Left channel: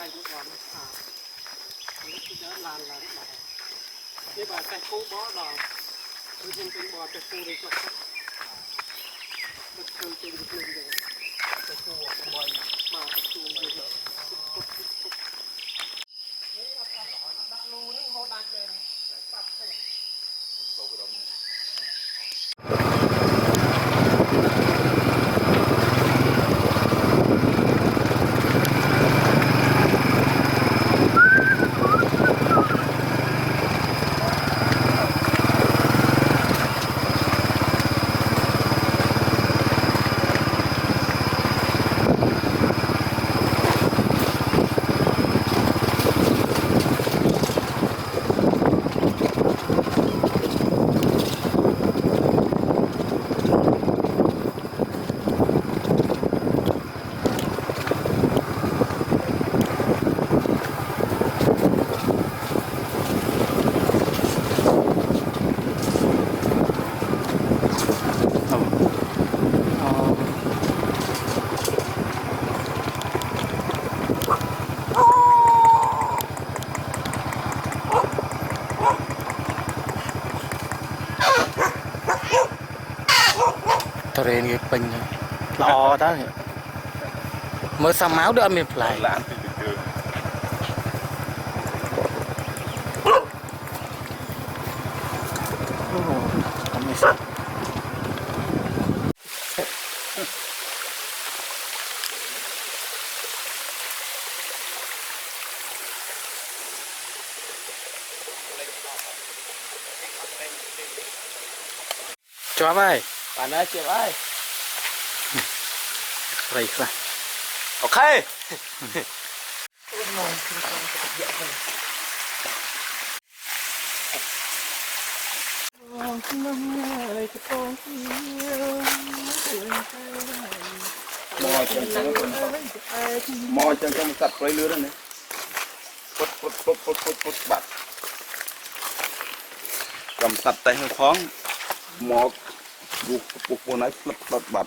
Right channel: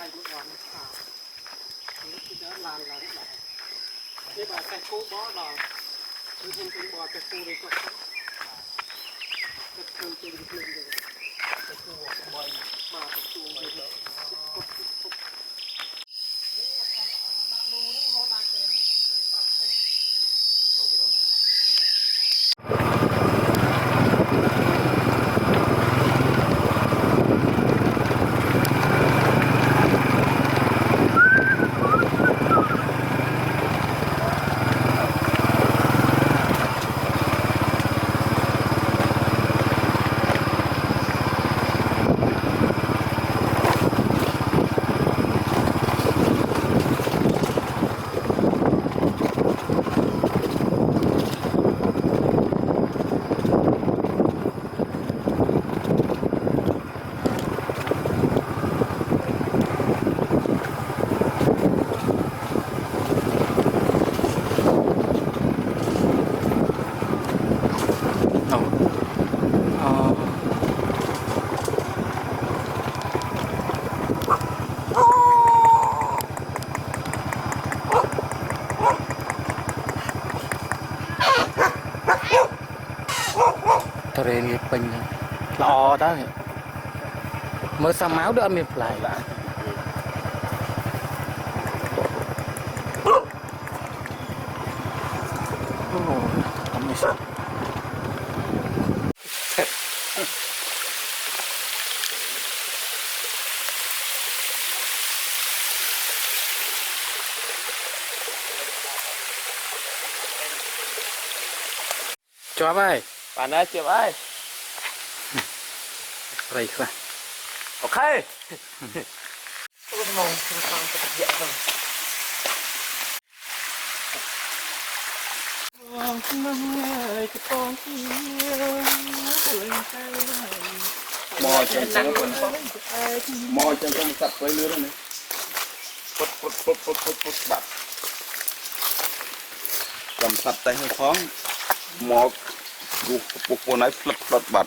ai một đoàn cái đó làn lại cái bà cái cô bó đòn tôi không tin bò cái cô đi chọc cái cô trên được lên rồi cái cô bò mà cái cô điทะเลนี่เป็นละออได้เมื่อสามาวเดือนมีปลายโอ้ทำไม่สุดจ้าไปป่านนั้นเจ็บไปอะไรครับโอเคโอ้ยมองคือทางจะเยอะเลยมองขึ้นมาเลยจะปองเที่ยวมอจังจังคนมอจังจังสัตว์ไปเรื่อยเลยปุ๊บบัดกำสัตว์แต่ให้คล้องหมอกบุกปุกปนไอ้ฟลัดบัด